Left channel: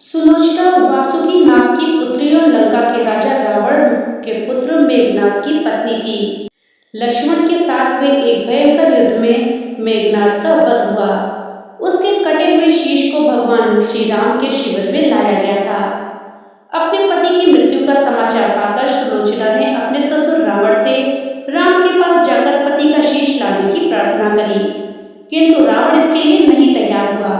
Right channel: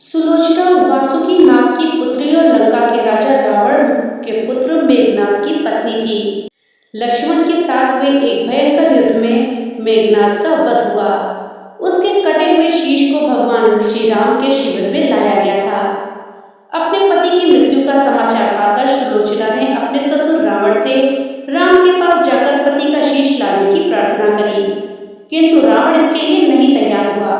सुलोचना वासुकी नाग की पुत्री और लंका के राजा रावण के पुत्र मेघनाद की पत्नी थी। लक्ष्मण के साथ हुए एक भयंकर युद्ध में मेघनाद का वध हुआ। उसके कटे हुए शीश को भगवान श्री राम के शिविर में लाया गया था। अपने पति की मृत्यु का समाचार पाकर सुलोचना ने अपने ससुर रावण से राम के पास जाकर पति का शीश लाने की प्रार्थना करी, किंतु रावण इसके लिए नहीं तैयार हुआ।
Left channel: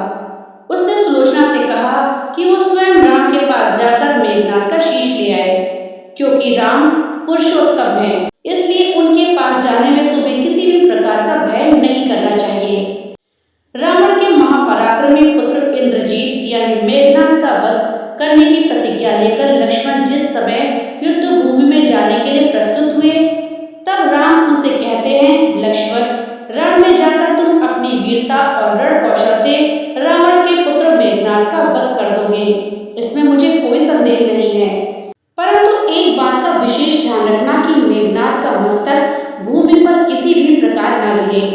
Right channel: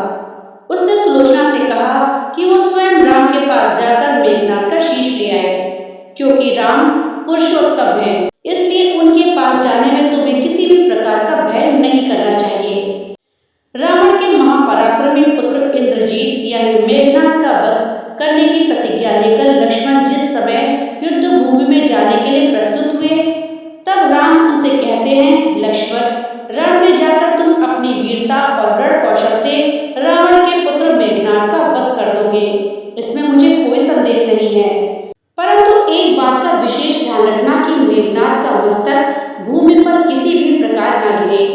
उसने सुलोचना से कहा कि वो स्वयं राम के पास जाकर मेघनाद का शीश ले आए, क्योंकि राम पुरुषोत्तम है, इसलिए उनके पास जाने में तुम्हें किसी भी प्रकार का भय नहीं करना चाहिए। रावण के महापराक्रमी पुत्र इंद्रजीत यानी मेघनाद का वध करने की प्रतिज्ञा लेकर लक्ष्मण जिस समय युद्ध भूमि में जाने के लिए प्रस्तुत हुए, तब राम उनसे कहते हैं, लक्ष्मण, रण में जाकर तुम अपनी वीरता और रण कौशल से रावण के पुत्र मेघनाद का वध कर दोगे, इसमें मुझे कोई संदेह नहीं है। परंतु एक बात का विशेष ध्यान रखना कि मेघनाद का मस्तक भूमि पर किसी भी प्रकार न गिरे,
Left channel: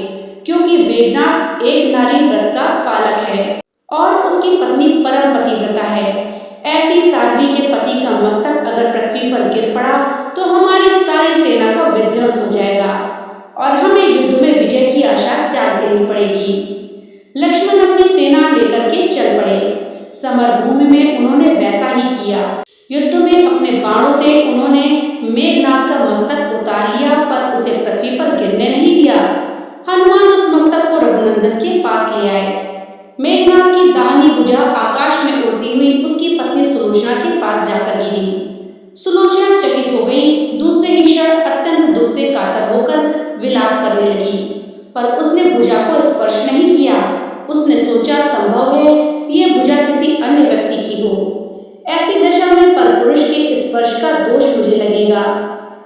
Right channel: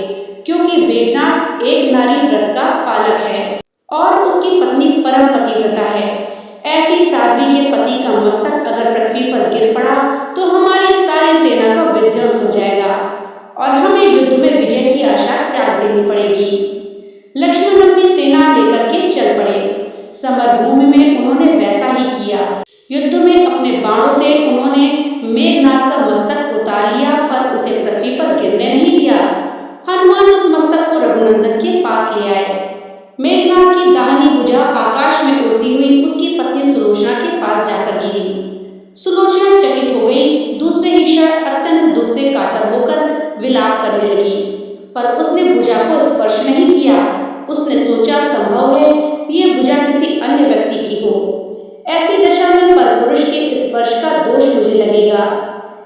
क्योंकि मेघनाद एक नारी व्रत का पालक है और उसकी पत्नी परम पतिव्रता है। ऐसी साध्वी के पति का मस्तक अगर पृथ्वी पर गिर पड़ा तो हमारी सारी सेना का विध्वंस हो जाएगा और हमें युद्ध में विजय की आशा त्याग देनी पड़ेगी। लक्ष्मण अपनी सेना लेकर के चल पड़े। समर भूमि में उन्होंने वैसा ही किया। युद्ध में अपने बाणों से उन्होंने मेघनाद का मस्तक उतार लिया, पर उसे पृथ्वी पर गिरने नहीं दिया। हनुमान उस मस्तक को रघुनंदन के पास ले आए। मेघनाद की दाहिनी भुजा आकाश में उड़ती हुई उसकी पत्नी सुलोचना के पास जाकर गिरी। सुलोचना चकित हो गई। दूसरे ही क्षण अत्यंत दुख से कातर होकर विलाप करने लगी, पर उसने भुजा को स्पर्श नहीं किया। उसने सोचा, संभव है ये भुजा किसी अन्य व्यक्ति की हो। ऐसी दशा में परपुरुष के स्पर्श का दोष मुझे लगेगा।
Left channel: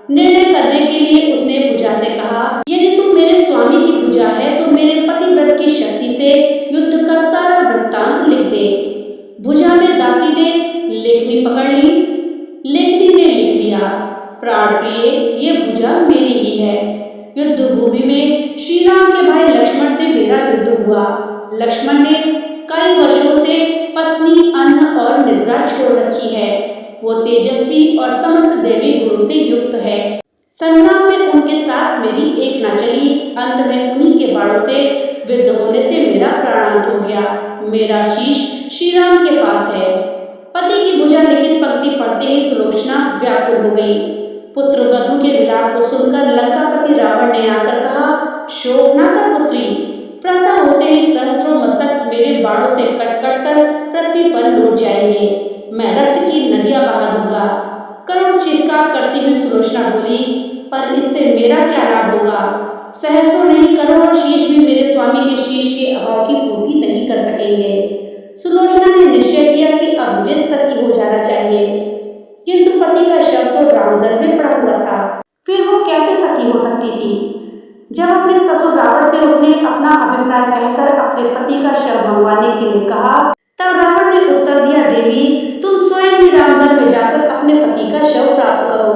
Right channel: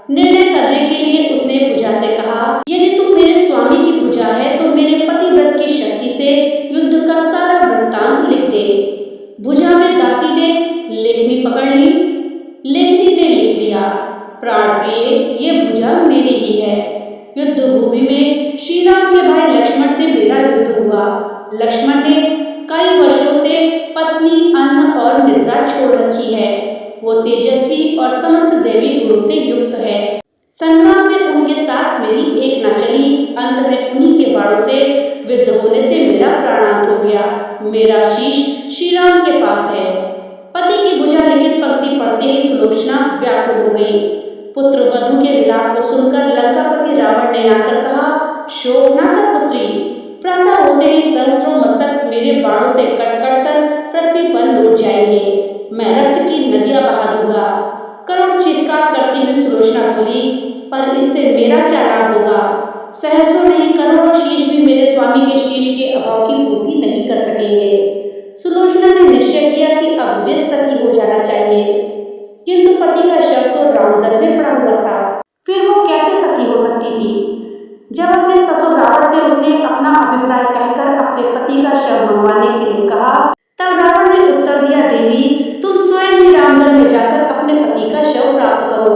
निर्णय करने के लिए उसने भुजा से कहा, यदि तू मेरे स्वामी की भुजा है तो मेरे पतिव्रत की शक्ति से युद्ध का सारा वृत्तांत लिख दे। भुजा में दासी ने लेखनी पकड़ ली। लेखनी ने लिख लिया, प्राण प्रिय, ये भुजा मेरी ही है। युद्ध भूमि में श्री राम के भाई लक्ष्मण से मेरा युद्ध हुआ। लक्ष्मण ने कई वर्षों से पत्नी, अन्न और निद्रा छोड़ रखी है। वो तेजस्वी और समस्त देवी गुणों से युक्त है। संग्राम में उनके साथ मेरी एक न चली। अंत में उन्हीं के बाणों से विद्ध होने से मेरा प्राणांत हो गया। मेरा शीश श्री राम के पास है। पति की भुजा लिखित पंक्ति पढ़ते ही सुलोचना व्याकुल हो गई। पुत्र वधु के विलाप को सुनकर लंकापति रावण ने आकर कहा, शोक न कर पुत्री, प्रातः होते ही सहस्त्रों मस्तक मेरे बाणों से कट कट कर पृथ्वी पर लौट जाएंगे। मैं रक्त की नदियां बहा दूंगा। करुण चित्कार करती हुई सुलोचना बोली, पर इससे मेरा क्या लाभ होगा? सहस्रों नहीं, करोड़ों शीश भी मेरे स्वामी के शीश के अभाव की पूर्ति नहीं कर सकेंगे। सुलोचना ने निश्चय किया कि अब मुझे सती हो जाना चाहिए, किंतु पति का शव तो रामदल में पड़ा हुआ था। फिर वो कैसे सती हो सकती थी? जब अपने ससुर रावण से उसने अपना अभिप्राय कहकर अपने पति का शव मंगवाने के लिए कहा, तब रावण ने उत्तर दिया, देवी, तुम स्वयं ही रामदल में जाकर अपने पति का शव प्राप्त करो।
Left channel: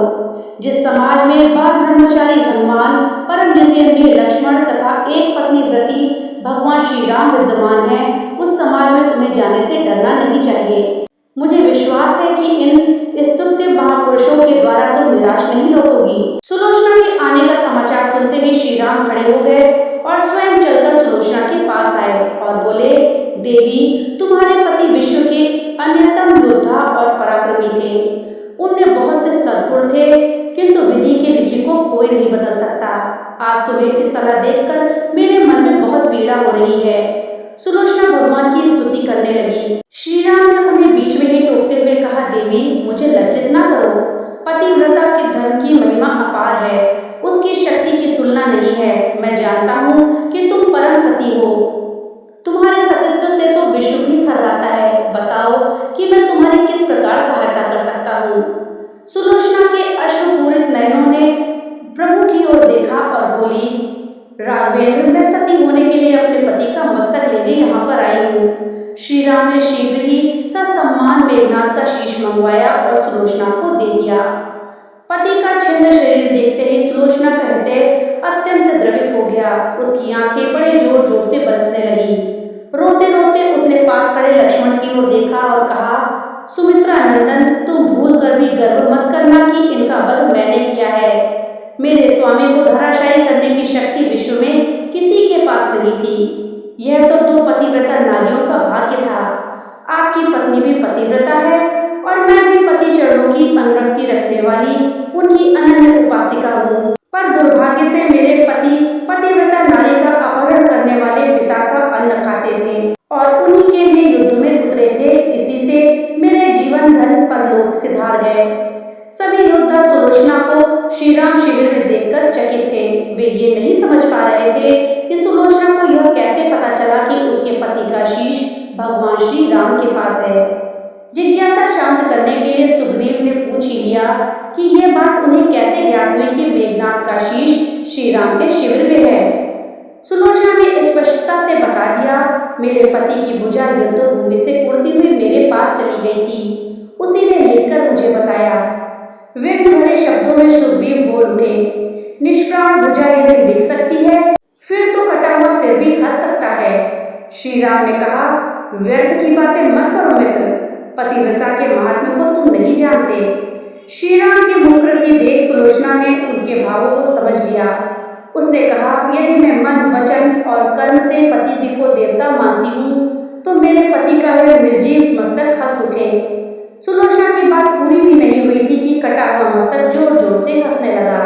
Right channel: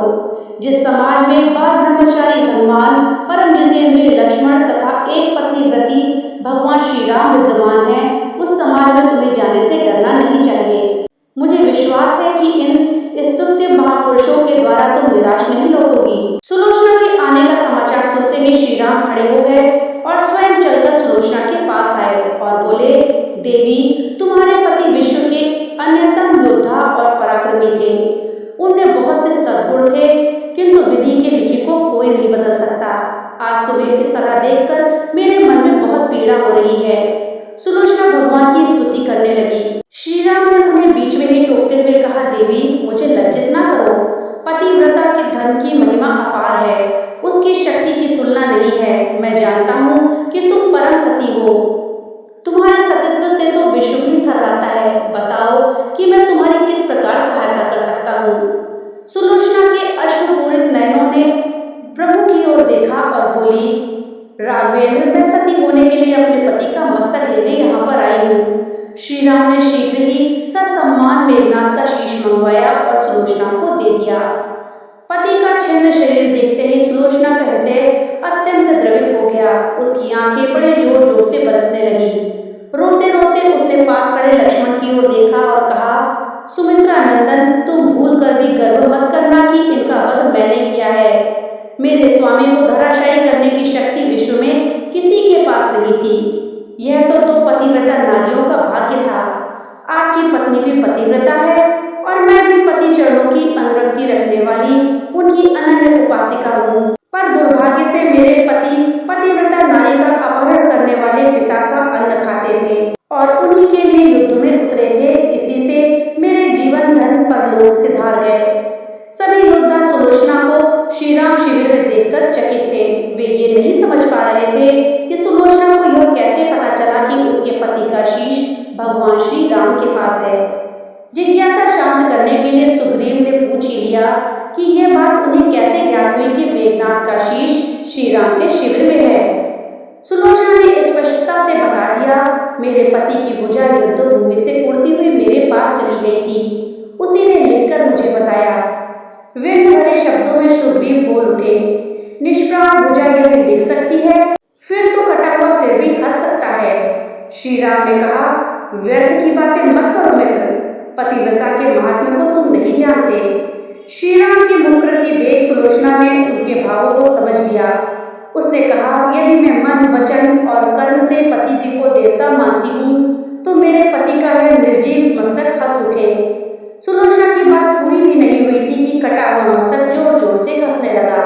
जिस समाज में बाल ब्रह्मचारी हनुमान, परम जितेंद्रिय लक्ष्मण तथा एक पत्नी व्रती भगवान श्री राम विद्यमान है, उस समाज में तुम्हें जाने से डरना नहीं चाहिए। मुझे विश्वास है कि इन स्तुत्य महापुरुषों के द्वारा तुम निराश नहीं लौटोगी। सुलोचना के आने का समाचार सुनते ही श्री राम खड़े हो गए और स्वयं चलकर सुलोचना के पास आए और बोले, देवी, तुम्हारे पति विश्व के अन्यतम योद्धा और पराक्रमी थे। उनमें बहुत से सद्गुण थे, किंतु विधि के लिखी को कोई नहीं बदल सकता। आज तुम्हें इस तरह देखकर मेरे मन में बहुत पीड़ा हो रही है। सुलोचना भगवान की स्तुति करने लगी। श्री राम ने उन्हें बीच में ही टोकते हुए कहा, देवी, मुझे लज्जित ना करो। पतिव्रता के धर्म की महिमा अपार है, उसकी शक्ति की तुलना नहीं है। मैं जानता हूँ कि तुम परम सती हो। तुम्हारे सतीत्व से तो विश्व भी थर्राता है। बताओ कि मैं तुम्हारी किस प्रकार सहायता कर सकता हूँ। सुलोचना के अश्रुपूरित नयनों ने प्रभु की ओर देखा और बोली, राघवेंद्र, मैं सती होने के लिए अपने पति का मस्तक लेने यहाँ पर आई हूँ। श्री राम ने शीघ्र ही ससम्मान मेघनाद का शीश मंगवाया और सुलोचना को दे दिया। पति का छिन्न शरीर देखते ही सुलोचना का हृदय अत्यंत द्रवित हो गया। उसकी आंखें बड़े जोर जोर से बरसने लगी। रोते रोते उसने पास खड़े लक्ष्मण की ओर देखा और कहा, सुमित्रा नंदन, तुम भूल कर भी गर्व मत करना कि इनका वध मैंने किया है। मेरे स्वामी को धराशायी करने की शक्ति विश्व में किसी के पास नहीं थी। यह तो 2 पतिव्रता नारियों का भाग्य था। आपकी पत्नी भी पतिव्रता है और मैं भी पति चरणों की अनुरक्ति रखने वाली उनकी अनन्य उपासिका हूँ। पर दुर्भाग्य से मेरे पति पतिव्रता नारी का अपहरण करने वाले पिता का अन्न खाते थे और उन्हीं के लिए युद्ध में उतरे थे। इसी से मेरे जीवन धन परलोक सिधार गए। सभी योद्धा सुलोचना को श्रीराम शिविर में देखकर चकित थे। वे ये नहीं समझ पा रहे थे कि सुलोचना को यह कैसे पता चला कि उसके पति का शीश भगवान श्री राम के पास है। जिज्ञासा शांत करने के लिए सुग्रीव ने पूछ ही लिया कि यह बात उन्हें कैसे ज्ञात हुई कि मेघनाद का शीश श्री राम के शिविर में है। सुलोचना ने स्पष्टता से बता दिया, मेरे पति की भुजा युद्ध भूमि से उड़ती हुई मेरे पास चली गई थी। उसी ने लिखकर मुझे बताया। व्यंग भरे शब्दों में सुग्रीव बोल उठे, निष्प्राण भुजा यदि लिख सकती है फिर तो कटा हुआ सिर भी हंस सकता है। श्री राम ने कहा, व्यर्थ की बातें मत करो मित्र, पतिव्रता के महात्म्य को तुम नहीं जानते। श्री राम की मुखकृति देख सुलोचना ने उनके भावों को समझ लिया। उसने कहा, यदि मैं मन वचन और कर्म से पति को देवता मानती हूँ तो मेरे पति का यह निर्जीव मस्तक हंस उठे। सुलोचना की बात पूरी भी नहीं हुई थी कि कटा हुआ मस्तक जोर जोर से हंसने लगा।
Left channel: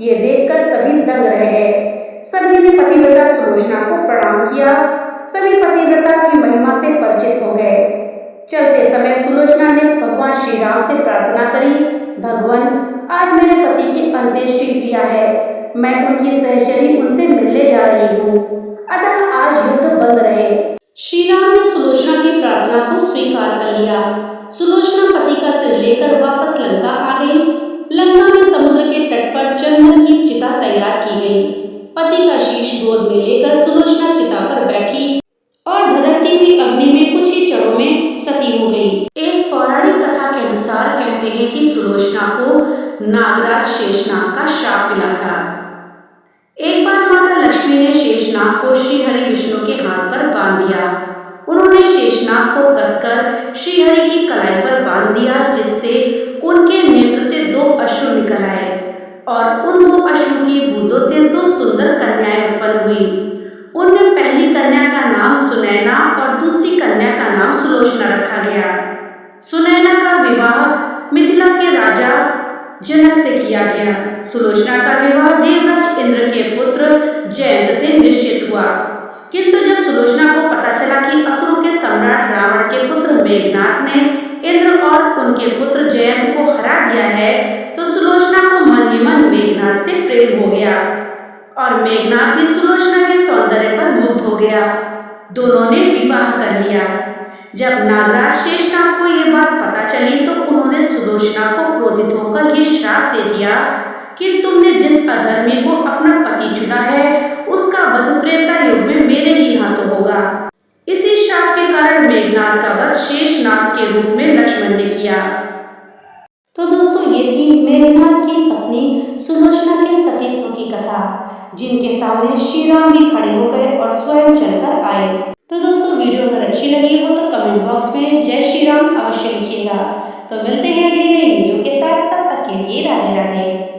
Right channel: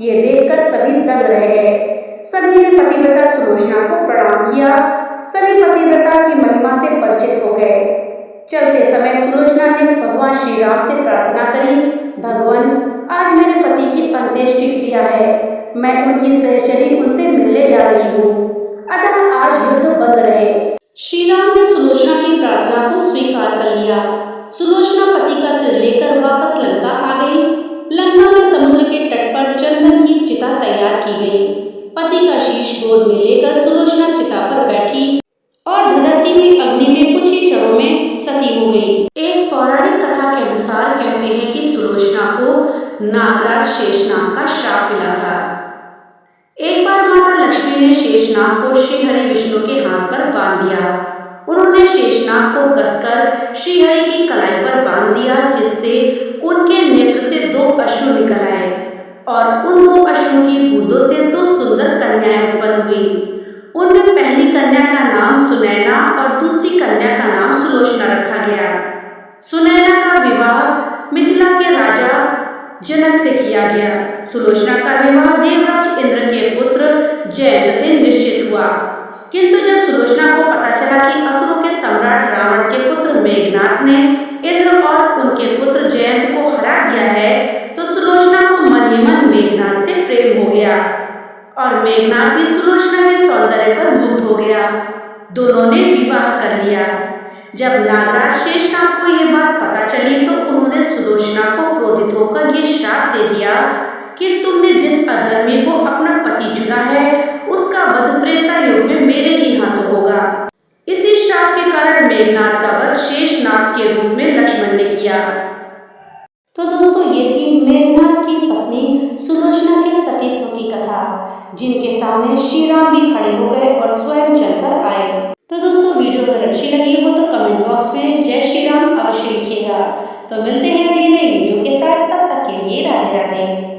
ये देखकर सभी दंग रह गए। सभी ने पतिव्रता सुलोचना को प्रणाम किया। सभी पतिव्रता की महिमा से परिचित हो गए। चलते समय सुलोचना ने भगवान श्री राम से प्रार्थना करी, भगवान, आज मेरे पति की अंत्येष्टि क्रिया है। मैं उनकी सहचरी उनसे मिलने जा रही हूँ, अतः आज युद्ध बंद रहे। श्री राम ने सुलोचना की प्रार्थना को स्वीकार कर लिया। सुलोचना पति का सिर लेकर वापस लंका आ गई। लंका में समुद्र के तट पर चंदन की चिता तैयार की गई। पति का शीश गोद में लेकर सुलोचना चिता पर बैठी और धधकती हुई अग्नि में कुछ ही क्षणों में सती हो गई। एक पौराणिक कथा के अनुसार कहते हैं कि सुलोचना को नागराज शेषनाग का श्राप मिला था। एक बार माता लक्ष्मी ने शेषनाग को श्रीहरि विष्णु के हाथ पर बांध दिया। उन्होंने शेषनाग को कसकर श्रीहरि की कलाई पर बांध दिया, जिससे उनके नेत्र से 2 अश्रु निकल आए और उन 2 अश्रु की बूंदों से 2 सुंदर कन्याएं उत्पन्न हुई। उनमें पहली कन्या का नाम सुनैना और दूसरी कन्या का नाम सुलोचना रखा गया। सुनैना का विवाह मिथिला के राजा जनक से किया गया। सुलोचना का विवाह देवराज इंद्र के पुत्र जयंत से निश्चित हुआ। किंतु जब सुलोचना को पता चला कि असुरों के सम्राट रावण के पुत्र मेघनाद ने इंद्र और उनके पुत्र जयंत को हरा दिया है, तो सुलोचना को मन ही मन मेघनाद से प्रेम हो गया और मेघनाद भी सुलोचना के सौंदर्य पर मुग्ध हो गया। दोनों ने विवाह कर लिया। जब नागराज शेषनाग को यह बात पता चली तो उन्होंने सुलोचना को क्रोधित होकर ये श्राप दे दिया कि तुमने जिस अधर्मी को अपना पति चुना है उसका वध त्रेता युग में मेरे ही हाथों होगा। इसी श्राप के कारण मेघनाद का वध शेषनाग के रूप में लक्ष्मण ने किया। तो दोस्तों, ये थी मेघनाद की पत्नी सुलोचना के सतीत्व की कथा, जिनके सामने श्री राम भी खड़े हो गए और स्वयं चलकर आए। तो दोस्तों, वीडियो अगर अच्छी लगी हो तो कमेंट बॉक्स में जय श्री राम अवश्य लिखिएगा। तो मिलते हैं अगली नई वीडियो के साथ, तब तक के लिए राधे राधे।